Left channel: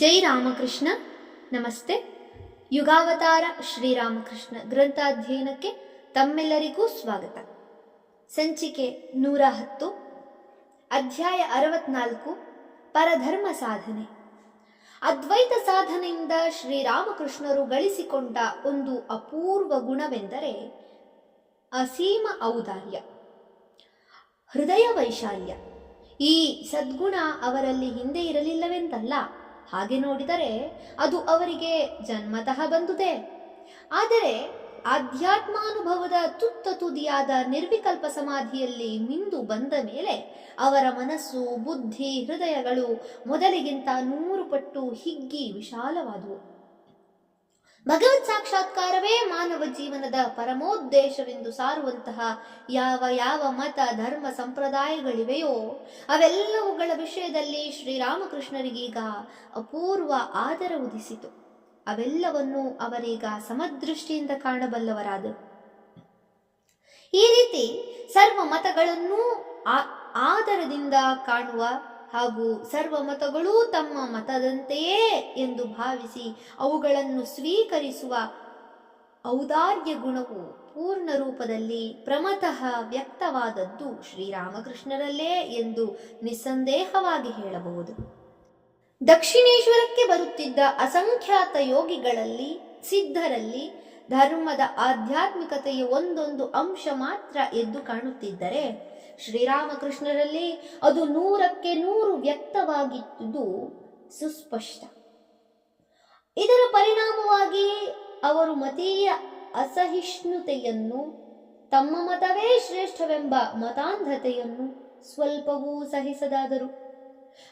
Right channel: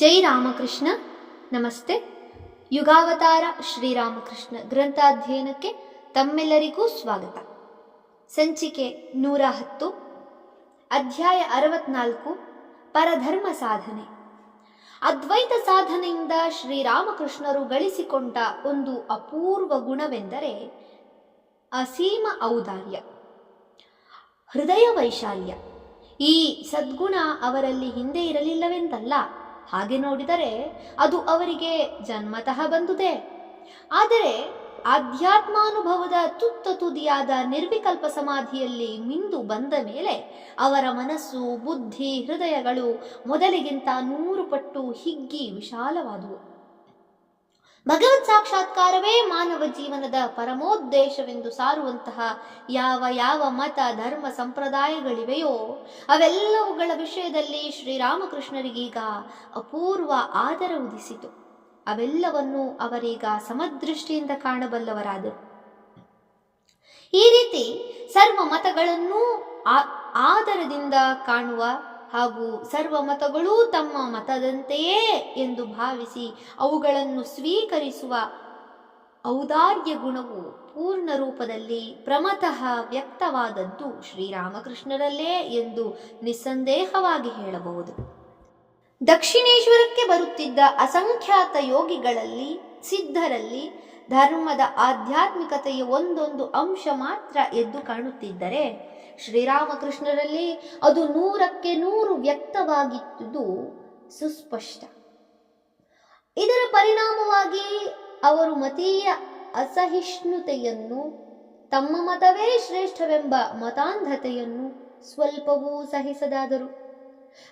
ಜೈ ರಾಮಕೃಷ್ಣ. ನಮಸ್ತೆ. ಯುಗಾವತಾರ ಶ್ರೀರಾಮಕೃಷ್ಣ ಗ್ರಂಥಾಧ್ಯಯನಕ್ಕೆ ತಮ್ಮೆಲ್ಲರಿಗೂ ಸ್ವಾಗತ. ಸಂಚಿಕೆ 110, ಅಧ್ಯಾಯ 64, ಪರಧರ್ಮ ಸಾಧನೆ. ಅದ್ವೈತ ಸಾಧನೆಯಿಂದ ಶ್ರೀರಾಮಕೃಷ್ಣರು ಗಳಿಸಿಕೊಂಡ ಒಂದು ಅಪೂರ್ವ ಗುಣವೆಂದರೆ ಅಸೀಮ ಔದಾರ್ಯ, ಹೃದಯ ವೈಶಾಲ್ಯ. ಈ ಸದ್ಗುಣ ಅವರಲ್ಲಿ ಹಿಂದೆ ಇರಲಿಲ್ಲವೆಂದಲ್ಲ. ಹಾಗೆ ನೋಡಿದರೆ ಅದು ಅವರಿಗೆ ಜನ್ಮತಃ ಬಂದುದೇ. ಆದರೆ ಆಧ್ಯಾತ್ಮಾನುಭವದ ತುತ್ತ ತುದಿಯಾದ ನಿರ್ವಿಕಲ್ಪ ಸಮಾಧಿಯಲ್ಲಿ ಮಿಂದು ಬಂದ ಮೇಲೆ ಅವರ ಮನಸ್ಸು, ಬುದ್ಧಿ, ಹೃದಯಗಳು ಮೊದಲಿಗಿಂತ 100 ಪಟ್ಟು ಹಿಗ್ಗಿ ವಿಶಾಲವಾದುವು. ಭಗವತ್ ಸಾಕ್ಷಾತ್ಕಾರವೇ ಮಾನವ ಜೀವನದ ಪರಮೋದ್ದೇಶವೆಂದು ಸಾರುವಂತಹ ಯಾವ ಮತ, ಧರ್ಮ, ಸಂಪ್ರದಾಯಗಳಿವೆಯೋ ಅವೆಲ್ಲವುಗಳ ವಿಷಯದಲ್ಲಿ ಶ್ರೀರಾಮಕೃಷ್ಣರಿಗೀಗ ಅಪೂರ್ವ ಆದರ ಉದಿಸಿತು. ಅವೆಲ್ಲವನ್ನು ಅವರೀಗ ಸಮದೃಷ್ಟಿಯಿಂದ ಕಾಣಬಲ್ಲವರಾದರು. ಈ ರೀತಿ ಸರ್ವ ಮತಗಳನ್ನೂ ಆದರದಿಂದ ಕಾಣುವ ಹಾಗೂ ಸರ್ವ ಮತಗಳೂ ತಮ್ಮ ಮತದಂತೆಯೇ ಎಂದು ಭಾವಿಸಿ ಅವುಗಳನ್ನು ಸ್ವೀಕರಿಸುವ ಔದಾರ್ಯ ಗುಣವು ಪೂರ್ಣ ರೂಪದಲ್ಲಿ ಪ್ರಮತಃ ವ್ಯಕ್ತವಾದದ್ದು ಶ್ರೀರಾಮಕೃಷ್ಣರಲ್ಲೇ ಎಂದು ನಿಸ್ಸಂದೇಹವಾಗಿ ಹೇಳಬಹುದು. ದಕ್ಷಿಣೇಶ್ವರಕ್ಕೆ ಬರುತ್ತಿದ್ದ ಅಸಂಖ್ಯಾತ ಯೋಗಿಗಳಲ್ಲಿ, ಸಿದ್ಧರಲ್ಲಿ ಧರ್ಮದ ಆಧ್ಯಾತ್ಮಿಕತೆಯ ಒಂದೊಂದು ಅಂಶ ಮಾತ್ರ ಎದ್ದು ಕಾಣುತ್ತಿದ್ದರೆ, ಶ್ರೀರಾಮಕೃಷ್ಣರಲ್ಲಿ ಅದು 100ಕ್ಕೆ 100 ವ್ಯಕ್ತವಾಗಿದ್ದುದು ಸುಸ್ಪಷ್ಟ. ಇದರ ಪರಿಣಾಮವಾಗಿ ಅವರು ಮತೀಯ ಅಸಹಿಷ್ಣುತೆಯನ್ನು, ತಮ್ಮ ಮತವೇ ಶ್ರೇಷ್ಠವೆಂಬ ಮತಾಂಧತೆಯನ್ನು ಸ್ವಲ್ಪವೂ ಸಹಿಸದಾದರು.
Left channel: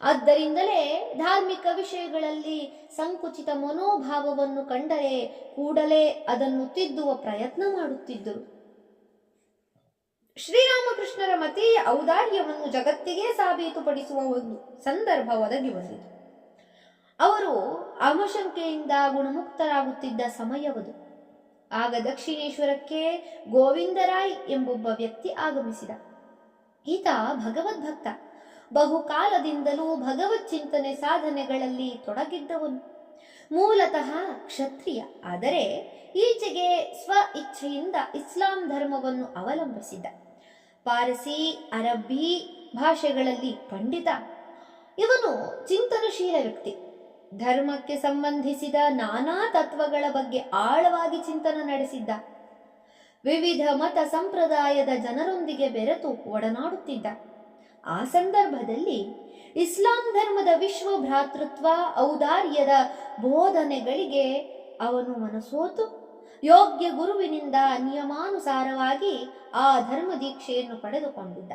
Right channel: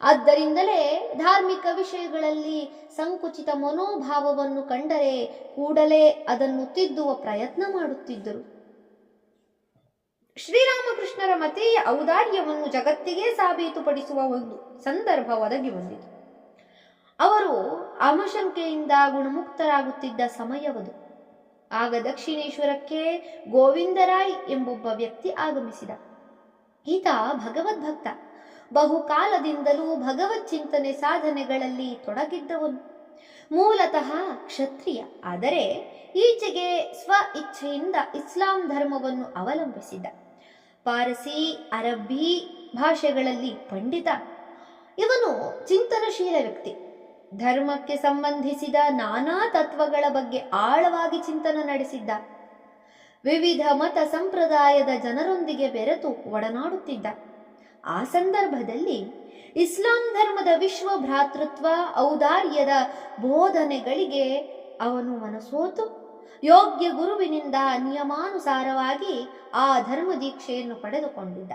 ಆದ್ದರಿಂದಲೇ ಧಾರ್ಮಿಕ ವಿಷಯಗಳಲ್ಲಿ ಸಂಕುಚಿತ ಮನೋಭಾವವನ್ನು ಕಂಡರೆ ಕೂಡಲೇ ಅದನ್ನು ತಿದ್ದುವ ಪ್ರಯತ್ನ ಮಾಡುತ್ತಿದ್ದರು. ಶ್ರೀರಾಮಕೃಷ್ಣರ ಮತೀಯ ಔದಾರ್ಯವನ್ನು ಜಗತ್ತಿಗೆ ಸಾಬೀತುಪಡಿಸುವ ಒಂದು ಸಂದರ್ಭ ಒದಗಿ ಬಂದಿತು. ಅವರು ಆಮಶಂಕೆಯಿಂದ ಗುಣಮುಕ್ತರಾಗುತ್ತಿದ್ದ ಸಮಯವದು. ಆಗ ದಕ್ಷಿಣೇಶ್ವರಕ್ಕೆ ಗೋವಿಂದರಾಯ್ ಎಂಬೊಬ್ಬ ವ್ಯಕ್ತಿ ಆಗಮಿಸಿದ. ಈತ ಭಗವದ್ಭಕ್ತ. ಬಹುಕಾಲದಿಂದಲೂ ಭಗವತ್ ಚಿಂತನೆ ಸಾಧನೆಗಳಲ್ಲಿ ತೊಡಗಿದ್ದವನು. ಮೂಲತಃ ಕ್ಷತ್ರಿಯ. ಆದರೆ ಈಚೆಗೆ ಸ್ವ ಇಚ್ಛೆಯಿಂದ ಇಸ್ಲಾಂ ಧರ್ಮವನ್ನು ಅವಲಂಬಿಸಿದ್ದ. ಪಾರಸಿ, ಅರಬ್ಬಿ ಭಾಷೆಗಳಲ್ಲಿ ಪಂಡಿತ. ಇವನು ಚಿಂತನಶೀಲ ವ್ಯಕ್ತಿ. ಧರ್ಮಕ್ಕೆ ಸಂಬಂಧಿಸಿದ ನಾನಾ ತತ್ವಗಳ ಬಗ್ಗೆ ಆಳವಾಗಿ ಚಿಂತನೆ ನಡೆಸಿದ್ದ. ವಿವಿಧ ಮತ ಸಂಪ್ರದಾಯದ ಜನರೊಂದಿಗೆ ಬೆರೆತು ಒಡನಾಡುತ್ತಿದ್ದ. ಆ ಸಂದರ್ಭದಲ್ಲಿ ಇಸ್ಲಾಂ ಧರ್ಮದ ವಿಶ್ವ ಭ್ರಾತೃತ್ವ, ಔದಾರ್ಯದ ಬೋಧನೆಗಳಿಗೆ ಅವನು ಮನಸೋತು ಯೋಗ್ಯ ಗುರುವಿನಿಂದ ನಿಯಮಾನುಸಾರವಾಗಿ ಆ ಧರ್ಮ ದೀಕ್ಷೆಯನ್ನು ಪಡೆದುಕೊಂಡಿದ್ದ.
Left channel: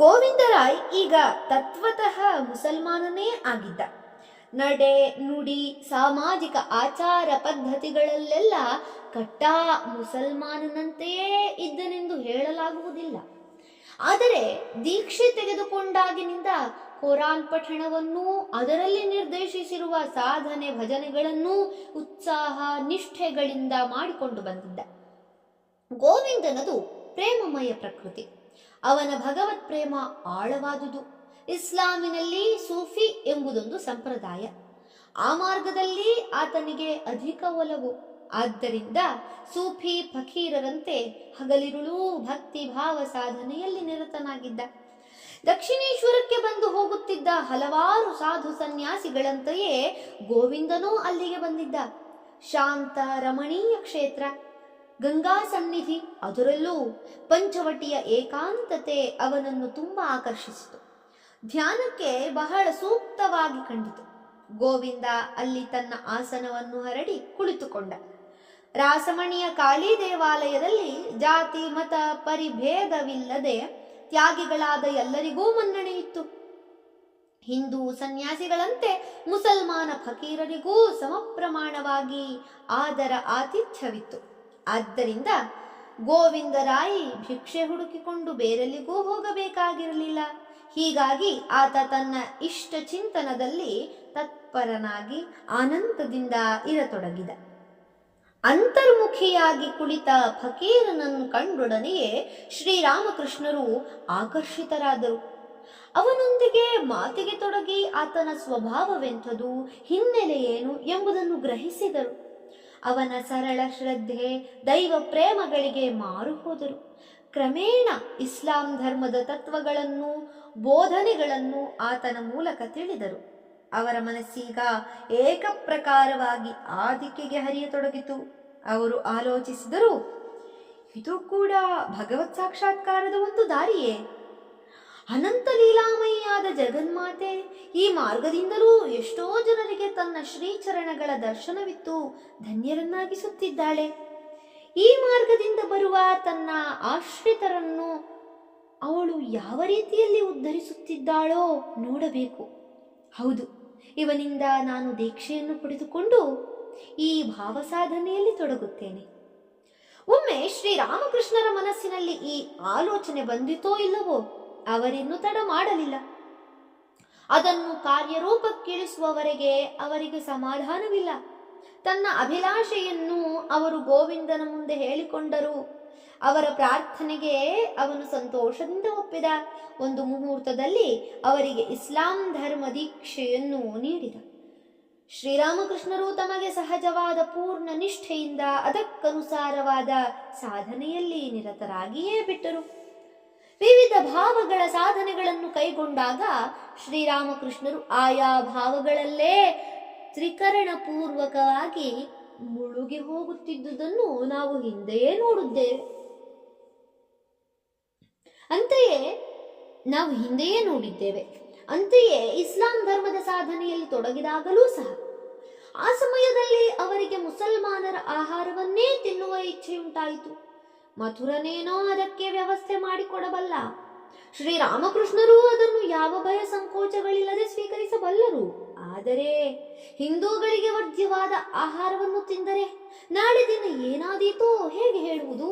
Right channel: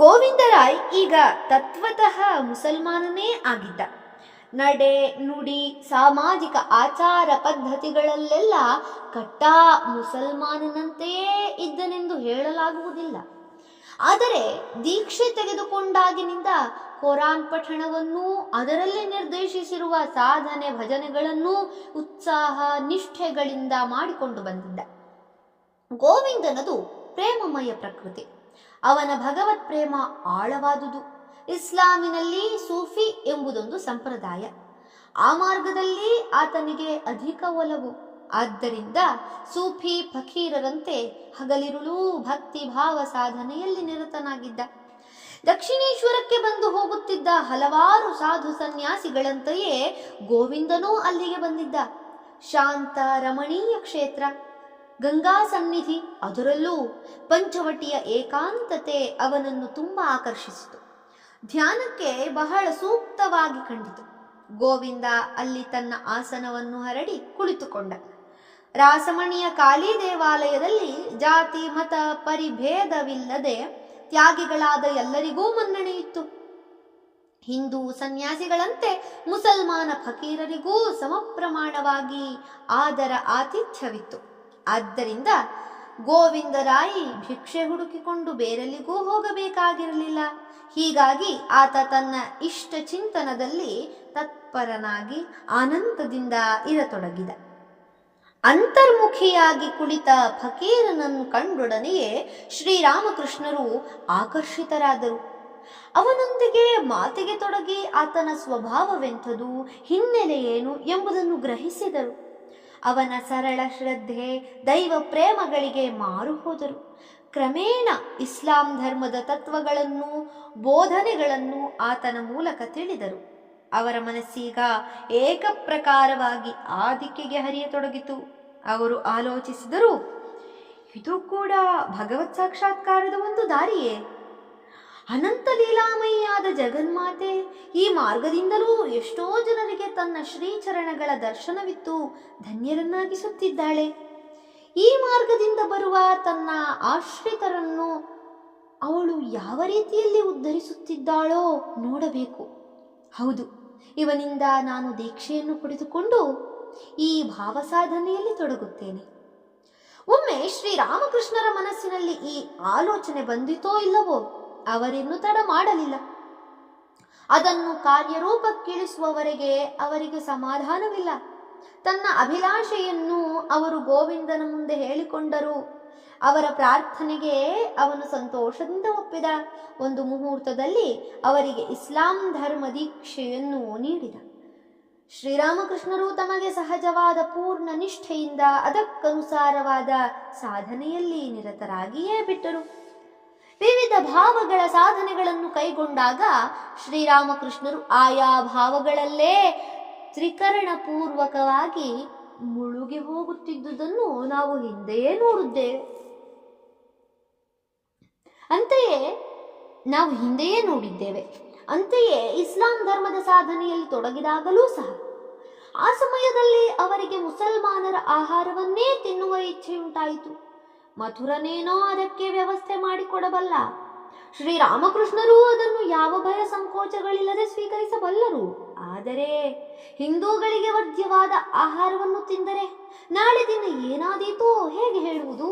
ಗೋವಿಂದರಾಯ್ ಈಗ ತತ್ವತಃ ಮುಸಲ್ಮಾನನೇ ಆಗಿದ್ದ. ನಡೆ, ನುಡಿ, ಸಾಮಾಜಿಕ ಆಚಾರ ಪದ್ಧತಿಗಳಲ್ಲೆಲ್ಲ ಕಟ್ಟಾ ಮುಸಲ್ಮಾನನಂತೆಯೇ ಇದ್ದನೆಂದು ಹೇಳಲಾಗುವುದಿಲ್ಲ. ಆದರೆ ದೀಕ್ಷೆ ತೆಗೆದುಕೊಂಡಾಗಿನಿಂದ ಕುರಾನ್ ಪಠಣವನ್ನೂ ಅದರಲ್ಲಿ ನಿರ್ದೇಶಿಸಿರುವ ಸಾಧನೆ ಭಜನೆಗಳನ್ನೂ ಉತ್ಸಾಹ ನಿಷ್ಠೆಗಳಿಂದ ಮಾಡಿಕೊಂಡು ಬಂದಿದ್ದ. ಗೋವಿಂದನದು ಪ್ರೇಮಮಯ ಪ್ರಕೃತಿ. ಅವನ ಭಗವತ್ ಪ್ರೇಮ ಆಳವಾದುದು. ಇಸ್ಲಾಮಿನಲ್ಲಿ ಸೂಫಿ ಎಂಬುದೊಂದು ಸಂಪ್ರದಾಯ. ಆ ಮಾರ್ಗದಲ್ಲಿ ಆತನಿಗೆ ಅಧಿಕ ಒಲವು. ಆದ್ದರಿಂದ ಸೂಫಿ ಫಕೀರರಂತೆ ಹಗಲಿರುಳೂ ಭಕ್ತಿ ಭಾವ ಸಾಧನೆಯಲ್ಲಿ ನಿರತನಾಗಿದ್ದ. ದಕ್ಷಿಣೇಶ್ವರಕ್ಕೆ ಬಂದು ಹೋಗುತ್ತಿದ್ದ ಹಲವಾರು ಸಾಧು ಸನ್ಯಾಸಿಗಳಂತೆಯೇ ಗೋವಿಂದನೂ ಅಲ್ಲಿಗೆ ಬಂದಿದ್ದ. ಶಾಂತ ರಮಣೀಯ ಕ್ಷೇತ್ರ, ಗಂಗಾ ಸನ್ನಿಧಿ, ಅದರಲ್ಲೂ ಪಂಚವಟಿಯ ಏಕಾಂತತೆ ಅವನನ್ನು ತುಂಬಾ ಆಕರ್ಷಿಸಿತು. ಧ್ಯಾನಕ್ಕೆ ಬಹಳ ಸೂಕ್ತವಾಗಿ ಕಂಡಿತು. ಗೋವಿಂದ ಅಲ್ಲಿ ತನ್ನ ಆಸನವನ್ನು ಹರಡಿ ಕುಳಿತುಕೊಂಡ. ರಾಸಮಣಿಯ ಕಾಳಿ ದೇವಾಲಯದಲ್ಲಿ ಜಾತಿ ಮತ ಪರಿಭೇದವಿಲ್ಲದೆ ತ್ಯಾಗಿಗಳಾದ ಎಲ್ಲರಿಗೂ ಮನ್ನಣೆಯಿತ್ತು. ಹಿಂದೂ ಸನ್ಯಾಸಿಗಳಂತೆ ಮುಸಲ್ಮಾನ ಫಕೀರರಿಗೂ ಸಮಪ್ರಮಾಣವಾಗಿ ಆದರ ಆತಿಥ್ಯವಿತ್ತು. ಆದ್ದರಿಂದ ಗೋವಿಂದರಾಯಿ ಭಿಕ್ಷೆ ಹುಡುಕಿಕೊಂಡು ಬೇರೆಲ್ಲಿಗೂ ಹೋಗಬೇಕಾಗಿರಲಿಲ್ಲ. ಹೀಗಾಗಿ ಆತ ತನ್ನ ಇಷ್ಟ ಚಿಂತನದಲ್ಲಿ ತತ್ಪರನಾಗಿ ಆನಂದದಿಂದ ಇರತೊಡಗಿದ. ಅಂತರ್ಮುಖಿಯಾಗಿ ಕುಳಿತ ಫಕೀರನನ್ನು ಕಂಡೊಡನೆಯೇ ಶ್ರೀರಾಮಕೃಷ್ಣರು ಆಕರ್ಷಿತರಾದರು. ಅವನೊಂದಿಗೆ ಮಾತಿಗೆ ತೊಡಗಿ ಆತನ ಸ್ವಭಾವವೆಂಥದು, ಹಿನ್ನೆಲೆ ಏನು ಎಂಬುದನ್ನು ಗ್ರಹಿಸಿದರು. ಅವನ ಸರಳ ಶ್ರದ್ಧೆ, ದೈವ ಪ್ರೇಮಗಳಿಗೆ ಮಾರು ಹೋದರು. ಕ್ರಮೇಣ ಇಸ್ಲಾಂ ಧರ್ಮದ ತತ್ವಗಳನ್ನು, ಬೋಧನೆಗಳನ್ನು ಆತನ ಮೂಲಕ ತಿಳಿದರು. ಅವರ ಮನಸ್ಸೀಗ ಏಕಪ್ರಕಾರವಾಗಿ ಆ ದಿಕ್ಕಿಗೆ ಹರಿಯತೊಡಗಿತು. ಅವರು ಆಲೋಚಿಸಿದರು, ಇದು ಕೂಡ ಭಗವತ್ ಸಾಕ್ಷಾತ್ಕಾರದ ಒಂದು ದಾರಿಯೇ? ಅನಂತ ಲೀಲಾಮಯಿಯಾದ ಜಗನ್ಮಾತೆ ಈ ಮಾರ್ಗದಿಂದಲೂ ಎಷ್ಟೋ ಜನರಿಗೆ ತನ್ನ ಶ್ರೀಚರಣಗಳ ದರ್ಶನವಿತ್ತು ಧನ್ಯರನ್ನಾಗಿಸುತ್ತಿದ್ದಾಳೆ. ಈ ಮಾರ್ಗದಿಂದ ಬರುವ ತನ್ನ ಆಶ್ರಿತರನ್ನು ಅವಳು ಯಾವ ರೀತಿಯಲ್ಲಿ ಉದ್ಧರಿಸುತ್ತಿದ್ದಾಳೋ ನೋಡಬೇಕು. ಹೌದು, ಇವನಿಂದ ನಾನು ದೀಕ್ಷೆಯನ್ನು ಪಡೆದುಕೊಂಡು ಈ ಭಾವಸಾಧನೆಯಲ್ಲಿ ತೊಡಗುತ್ತೇನೆ. ಒಮ್ಮೆ ಶ್ರೀರಾಮಕೃಷ್ಣರ ಮನಸ್ಸಿನಲ್ಲಿ ಈ ಆಲೋಚನೆ ಬಂದಿತೋ ಇಲ್ಲವೋ, ಅವರಿನ್ನೂ ತಡ ಮಾಡಲಿಲ್ಲ. ಅದನ್ನು ಕಾರ್ಯರೂಪಕ್ಕಿಳಿಸುವವರೆಗೆ ಅವರಿಗೆ ಸಮಾಧಾನವಿಲ್ಲ. ತನ್ನ ಅಭಿಲಾಷೆಯನ್ನು ಅವರು ಗೋವಿಂದನ ಮುಂದೆ ಹೇಳಿಕೊಂಡರು. ಅವರ ಪ್ರಾರ್ಥನೆಗೆ ಅವನು ಸಂತೋಷದಿಂದ ಒಪ್ಪಿದ. ಒಂದು ಮುಹೂರ್ತದಲ್ಲಿ ಅವರಿಗೆ ಇಸ್ಲಾಂ ಧರ್ಮ ದೀಕ್ಷೆಯನ್ನು ನೀಡಿದ. ಶ್ರೀರಾಮಕೃಷ್ಣರು ತಮಗೆ ಸಹಜವಾದ ಪೂರ್ಣ ನಿಷ್ಠೆಯಿಂದ ಅದಕ್ಕನುಸಾರವಾದ ಸಾಧನೆಯಲ್ಲಿ ನಿರತರಾಗಿಯೇ ಬಿಟ್ಟರು. ವಿವಿಧ ಭಾವಗಳ ಸಾಧನೆಗಳನ್ನು ಕೈಗೊಂಡಾಗ ಶ್ರೀರಾಮಕೃಷ್ಣರು ಆಯಾ ಭಾವಗಳಲ್ಲೇ ತ್ರಿಕರಣಪೂರ್ವಕವಾಗಿ ಮುಳುಗಿ ಹೋಗುತ್ತಿದ್ದುದನ್ನು ನಾವು ಹಿಂದೆಯೇ ನೋಡಿದ್ದೇವೆ. ಅಂತೆಯೇ ಇಸ್ಲಾಂ ಧರ್ಮದ ಸಾಧನೆಯಲ್ಲಿ ತೊಡಗಿದಾಗಲೂ ಸಹ ಆ ಸಮಯದಲ್ಲಿ ಅವರಿಗೆ ಮುಸಲ್ಮಾನರ ಆಹಾರವನ್ನೇ ತಿನ್ನುವ ಇಚ್ಛೆಯುಂಟಾಯಿತು. ಮಥುರನೇನೋ ಅದಕ್ಕೆ ವ್ಯವಸ್ಥೆ ಮಾಡಿಕೊಡಬಲ್ಲ. ಶ್ರೀರಾಮಕೃಷ್ಣರು ಅದನ್ನು ಯಾವ ಭಯ ಸಂಕೋಚಗಳಿಲ್ಲದೆ ಸ್ವೀಕರಿಸಬಲ್ಲರು. ಆದರೆ ಹಿಂದೂಗಳಿಗೆ ವರ್ಜ್ಯವಾದ ಆಹಾರವನ್ನು ತಿಂದರೆ ನಾಳೆ ದಿನ ಏನಾದೀತೋ ಹೇಗೆ ಹೇಳುವುದು?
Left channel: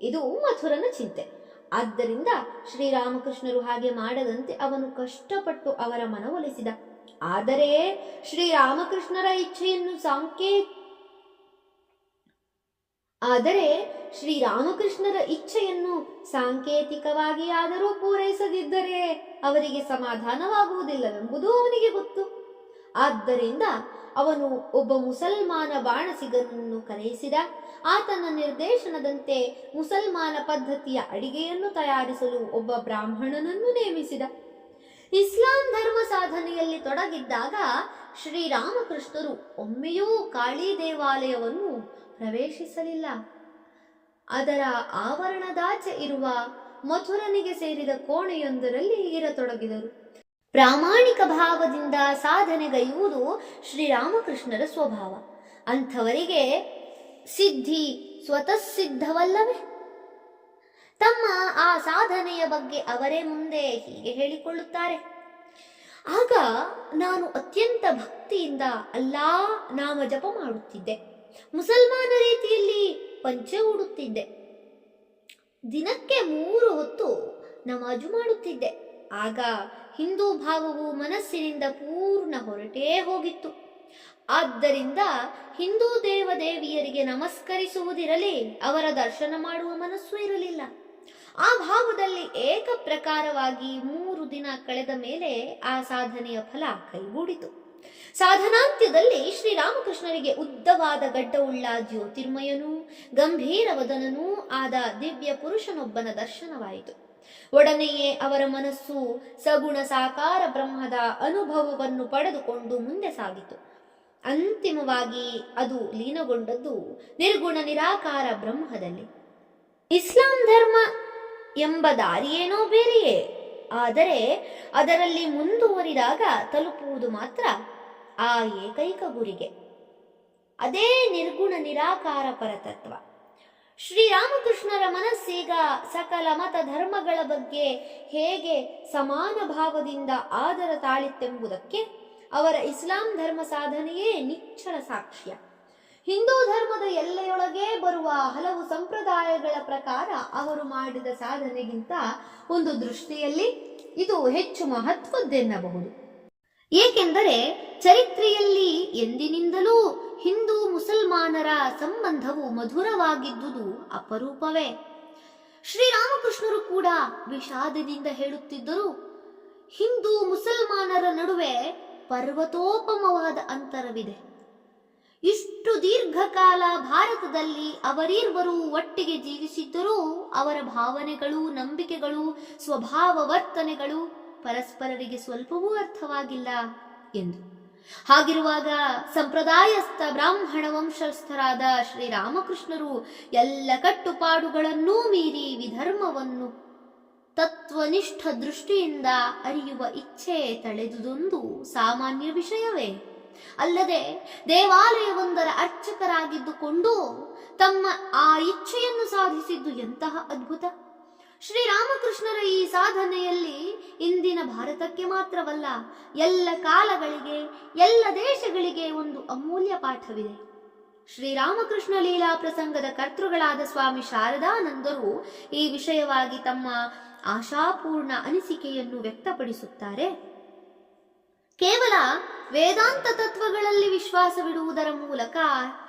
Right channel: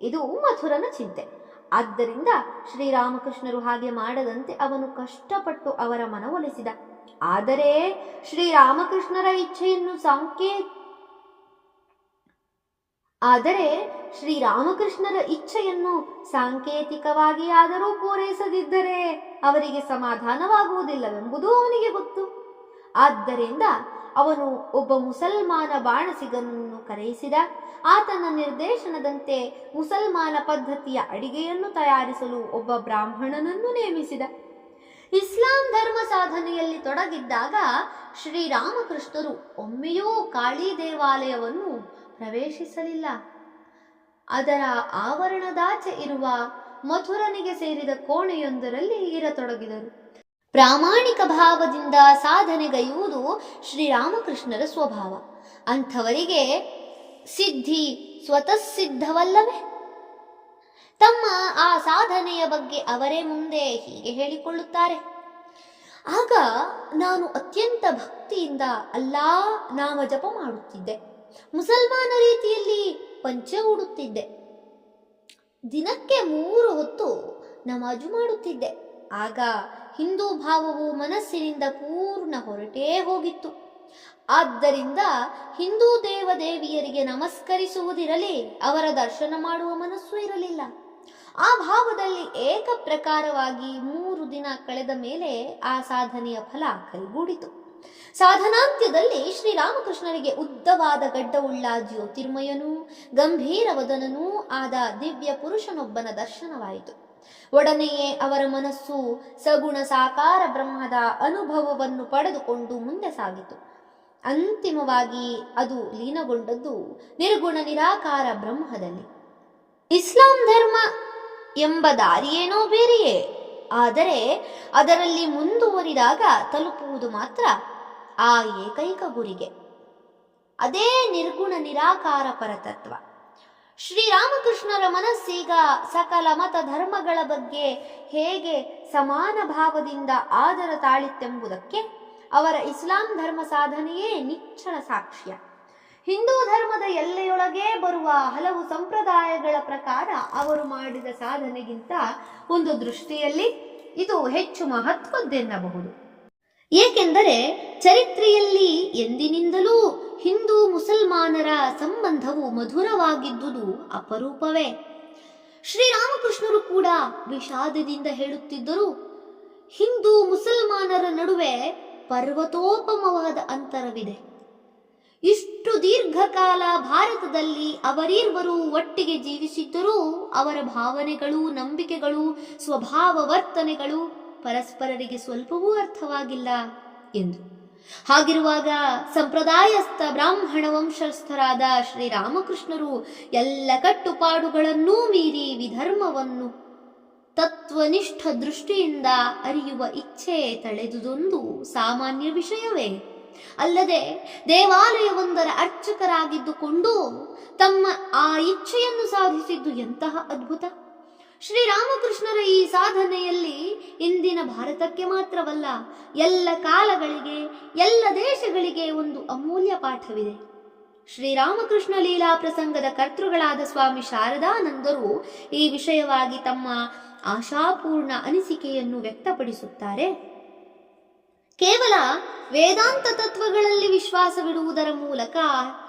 ಇದು ಮಥುರನ ಚಿಂತೆ. ಆದ್ದರಿಂದ ಶ್ರೀರಾಮಕೃಷ್ಣರು ಹಾಗೆ ಮಾಡದಂತೆ ಅವನು ಕಷ್ಟಪಟ್ಟು ಅವರ ಮನವೊಲಿಸಿದ. ಆದರೆ ಶ್ರೀರಾಮಕೃಷ್ಣರ ಇಚ್ಛೆಯನ್ನು ಸಾಂಕೇತಿಕವಾಗಿಯಾದರೂ ಪೂರೈಸದಿದ್ದರೆ ಅವರಿಗೆ ಸಮಾಧಾನವಾಗುವುದಿಲ್ಲವೆಂಬುದು ಅವನಿಗೆ ಗೊತ್ತು. ಆದ್ದರಿಂದ ಅವನು ಒಬ್ಬ ಮುಸಲ್ಮಾನ ಬಾಣಸಿಗನನ್ನು ಕರೆಯಿಸಿದ. ಆತನ ನಿರ್ದೇಶನದಂತೆ ಮುಸಲ್ಮಾನ ಪದ್ಧತಿಯ ಅಡಿಗೆಯನ್ನು ತಯಾರಿಸಲು ಒಬ್ಬ ಬ್ರಾಹ್ಮಣನನ್ನು ನೇಮಿಸಿದ. ಇಸ್ಲಾಂ ಧರ್ಮ ಸಾಧನೆಯಲ್ಲಿ ತೊಡಗಿದ್ದಾಗ ಶ್ರೀರಾಮಕೃಷ್ಣರು ಒಮ್ಮೆಯೂ ಕಾಳಿ ದೇವಾಲಯವನ್ನು ಪ್ರವೇಶಿಸಲಿಲ್ಲ. ಅದರ ಆವರಣದಾಚೆ ಇರುವ ಮಥುರನಿಗೆ ಸೇರಿದ ಕೋಣೆಯೊಂದರಲ್ಲಿ ಇರತೊಡಗಿದರು. ಪ್ರಾಮಾಣಿಕ ಭಾವದಿಂದ ಸಾಧನೆಗೈಯುವುದು ಶ್ರೀರಾಮಕೃಷ್ಣರ ಸ್ವಭಾವ. ಅಂಥವರಿಗೆ ಸಿದ್ಧಿ ಸ್ವತಃ ಸಿದ್ಧವಲ್ಲವೇ? ತಮ್ಮ ಆ ಸಾಧನೆಯ ಬಗ್ಗೆ ಅವರೇ ಮುಂದೆ ಹೀಗೆ ಹೇಳಿಕೊಳ್ಳುತ್ತಾರೆ. ಆಗ ನಾನು ಅತ್ಯಂತ ಭಕ್ತಿಯಿಂದ ಅಲ್ಲಾ ನಾಮ ಜಪ ಮಾಡುತ್ತಿದ್ದೆ. ಮುಸಲ್ಮಾನ ರೀತಿಯಲ್ಲಿ ಪಂಚೆ ಉಡುತ್ತಿದ್ದೆ. ದಿನಕ್ಕೆ 3 ಹೊತ್ತು ನಮಾಜು ಮಾಡುತ್ತಿದ್ದೆ. ಆಗ ಹಿಂದೂ ಭಾವವು ಮನಸ್ಸಿನಿಂದ ಪೂರ್ಣ ಹೊರಟೇ ಹೋಗಿತ್ತು. ಆದ್ದರಿಂದ ಹಿಂದೂ ದೇವದೇವಿಯರಿಗೆ ನಮಸ್ಕರಿಸುವುದಿರಲಿ, ಅವರ ದರ್ಶನ ಮಾಡುವ ಮನಸ್ಸು ಇರಲಿಲ್ಲ. ಆ ಭಾವದಲ್ಲಿ ಏಕಪ್ರಕಾರವಾಗಿ 3 ದಿನ ಕಳೆದ ಮೇಲೆ ಆ ಸಾಧನೆಯ ಫಲ ಕೈಗೂಡಿತು. ಸಾಧನಾಂತ್ಯದಲ್ಲಿ ಶ್ರೀರಾಮಕೃಷ್ಣರಿಗೆ ಉದ್ದವಾದ ಗಡ್ಡವುಳ್ಳ ಜ್ಯೋತಿರ್ಮಯನೂ ಗಂಭೀರವದನನೂ ಆದ ದಿವ್ಯ ಪುರುಷನೊಬ್ಬನ ದರ್ಶನವಾಯಿತು. ಒಡನೆಯೇ ಅವರ ಮನಸ್ಸು ಸಗುಣ ಸಾಕಾರ ಬ್ರಹ್ಮದ ಅನುಭವವನ್ನು ಪಡೆದುಕೊಂಡು ಮುಂದೆ ಸಾಗಿತು. ಅಂತಿಮವಾಗಿ ಅದು ಲೀನಗೊಂಡದ್ದು ನಿರ್ಗುಣ ನಿರಾಕಾರ ಬ್ರಹ್ಮದಲ್ಲಿ. ಇಸ್ಲಾಂ ಧರ್ಮ ಎಂಬ ದಾರಿಯೇನೋ ಬೇರೆಯೇ, ಆದರೆ ಅದರಲ್ಲಿ ಮುಂದುವರಿದಾಗ ತಲುಪುವುದು ಮಾತ್ರ ಆ ಏಕೈಕ ಗುರಿಗೆ. ಅದೇ ನಿರ್ಗುಣ ನಿರಾಕಾರ ಪರತತ್ವ. ಶ್ರೀರಾಮಕೃಷ್ಣರ ಮನಸ್ಸೀಗ ಸಕಲ ಮತ ಧರ್ಮಗಳ ಬಗ್ಗೆ ಹೇಗೆ ಸಮಾನ ಭಾವದಿಂದ ಆದರ ತಾಳಿತ್ತೆಂಬುದಕ್ಕೆ ಅವರ ಇಸ್ಲಾಂ ಧರ್ಮ ಸಾಧನೆಯೇ ನಿಚ್ಚಳ ಸಾಕ್ಷ್ಯ. ಹಿಂದೂ ಧರ್ಮದ ಎಲ್ಲೆಯೊಳಗೆ ಬರುವ ಹಲವು ಸಂಪ್ರದಾಯಗಳ ಪ್ರಕಾರ ಅವರು ಮಾಡಿದ ಸಾಧನೆಗಿಂತ ಒಂದು ದೃಷ್ಟಿಯಲ್ಲಿ ಇದು ಹೆಚ್ಚು ಮಹತ್ವದ್ದೆನ್ನಬಹುದು. ಏಕೆಂದರೆ ಚರಿತ್ರೆಯಲ್ಲಿ ಎಂದಿನಿಂದಲೂ ಹಿಂದೂ ಮುಸಲ್ಮಾನರ ಸಂಬಂಧವು ಮಧುರವಾಗಿದ್ದುದು ಅಪರೂಪವೇ. ಶ್ರೀರಾಮಕೃಷ್ಣರು ಕೂಡ ವಿಷಾದದಿಂದ ಹೇಳುತ್ತಿದ್ದರು, ಹಿಂದೂ ಮುಸಲ್ಮಾನರ ನಡುವೆ ಪರ್ವತೋಪಮವಾದ ಅಂತರವಿದೆ. ಇಷ್ಟು ದೀರ್ಘಕಾಲ ಭಾರತದಲ್ಲಿ ಅವರಿಬ್ಬರು ಒಟ್ಟಿಗೆ ಜೀವಿಸಿದ್ದರೂ ಅವರ ಭಾವನೆಗಳು, ನಂಬಿಕೆಗಳು, ಸ್ವಭಾವ ವರ್ತನೆಗಳು ಪರಸ್ಪರರಿಗೆ ಸ್ವಲ್ಪವೂ ಅರ್ಥವಾಗಿಲ್ಲ ಎಂದು. ಹಾಗಿರುವಾಗ ಸಂಪ್ರದಾಯಸ್ಥ ಬ್ರಾಹ್ಮಣ ವಂಶಸ್ಥರಾದ ಶ್ರೀರಾಮಕೃಷ್ಣರು ಎಲ್ಲ ಕಟ್ಟುಪಾಡುಗಳನ್ನೂ ಮೀರಿ ವಿಧರ್ಮವನ್ನು ತತ್ವನಿಷ್ಠ ದೃಷ್ಟಿಯಿಂದ ಅರಿಯುವ ಇಚ್ಛೆ ತಳೆದುದೊಂದು ಸಾಮಾನ್ಯ ವಿಷಯವೇ. ಅಲ್ಲದೆ ದೇವಾಲಯವೊಂದರ ಅರ್ಚಕರಾಗಿದ್ದುಕೊಂಡು ತಮ್ಮ ಆ ಇಚ್ಛೆಯನ್ನು ಸಾಧಿಸಿದ್ದು ಎಂತಹ ಅದ್ಭುತ! ಶ್ರೀರಾಮಕೃಷ್ಣರ ಈ ಸಾಧನೆಯಲ್ಲಿ ಇಂದಿನ ಭಾರತಕ್ಕೆ ಮಾತ್ರವಲ್ಲ, ಎಲ್ಲ ಕಾಲಗಳಿಗೆ, ಎಲ್ಲ ದೇಶಗಳಿಗೆ ಒಂದು ಅಮೂಲ್ಯ ಪಾಠವಿದೆ. ಶ್ರೀರಾಮಕೃಷ್ಣ ಲೀಲಾ ಪ್ರಸಂಗದ ಕರ್ತೃಗಳಾದ ಸ್ವಾಮಿ ಶಾರದಾನಂದರು ಈ ವಿಷಯವಾಗಿ ತಮ್ಮ ಆಶಾಪೂರ್ಣ ಅನಿಸಿಕೆಯನ್ನು ವ್ಯಕ್ತಪಡಿಸುತ್ತಾರೆ. ಕೇವಲ ವೇದಾಂತ ತತ್ವಗಳಲ್ಲಿ ವಿಶ್ವಾಸವಿಡುವುದರ ಮೂಲಕ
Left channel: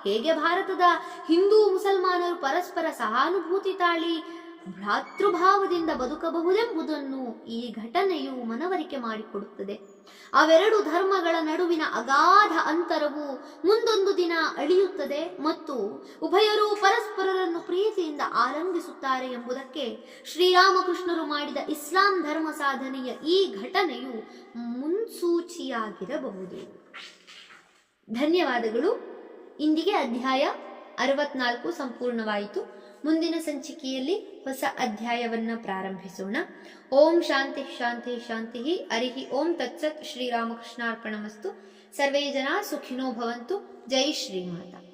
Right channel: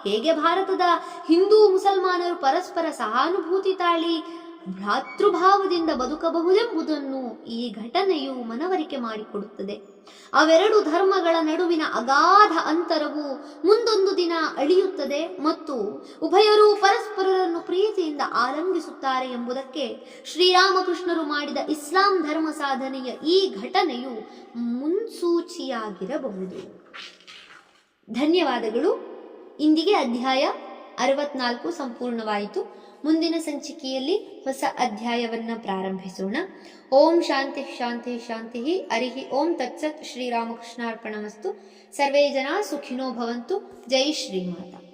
ಹೇಗೆ ಭಾರತದ ಹಿಂದೂ ಮುಸಲ್ಮಾನರು ಪರಸ್ಪರ ಸಹಾನುಭೂತಿ ತಾಳಿ ಭ್ರಾತೃಭಾವದಿಂದ ಬದುಕಬಹುದೆಂಬುದನ್ನು ಈ ಘಟನೆಯು ಮನವರಿಕೆ ಮಾಡಿಕೊಡುತ್ತದೆ. ಅವೆರಡು ಧರ್ಮಗಳ ನಡುವಿನ ಅಗಾಧ ಅಂತರವು ಮುಂದೊಂದು ದಿನ ಅಳಿಯುತ್ತದೆ ಮತ್ತು ಉಭಯರೂ ಪರಸ್ಪರರನ್ನು ಪ್ರೀತಿಯಿಂದ ಆಲಂಗಿಸುತ್ತಾರೆ ಎಂಬುದಕ್ಕೆ ಶ್ರೀರಾಮಕೃಷ್ಣರು ಮಾಡಿದ ಇಸ್ಲಾಂ ಧರ್ಮ ಸಾಧನೆಯ ಈ ಘಟನೆಯು ಮುನ್ಸೂಚಿಯಾಗಿರಬಹುದು. ಧನ್ಯವಾದಗಳು. ಇಂದಿಗೆ ಅಧ್ಯಾಯ 64 ಸಂಪೂರ್ಣವಾಯಿತು. ಮುಂದಿನ ಸಂಚಿಕೆಯಲ್ಲಿ ಹೊಸ ಅಧ್ಯಾಯವನ್ನು ಪ್ರಾರಂಭಿಸೋಣ. ಓಂ ಶಾಂತಿ ಶಾಂತಿ ಶಾಂತಿ. ಹರಿ ಓಂ ತತ್ಸತ್. ಶ್ರೀರಾಮಕೃಷ್ಣಾರ್ಪಣಮಸ್ತು. ಸರ್ವೇ ಜನ ಸುಖಿನೋ ಭವಂತು. ಜೈ ಶ್ರೀಮಾತಾ.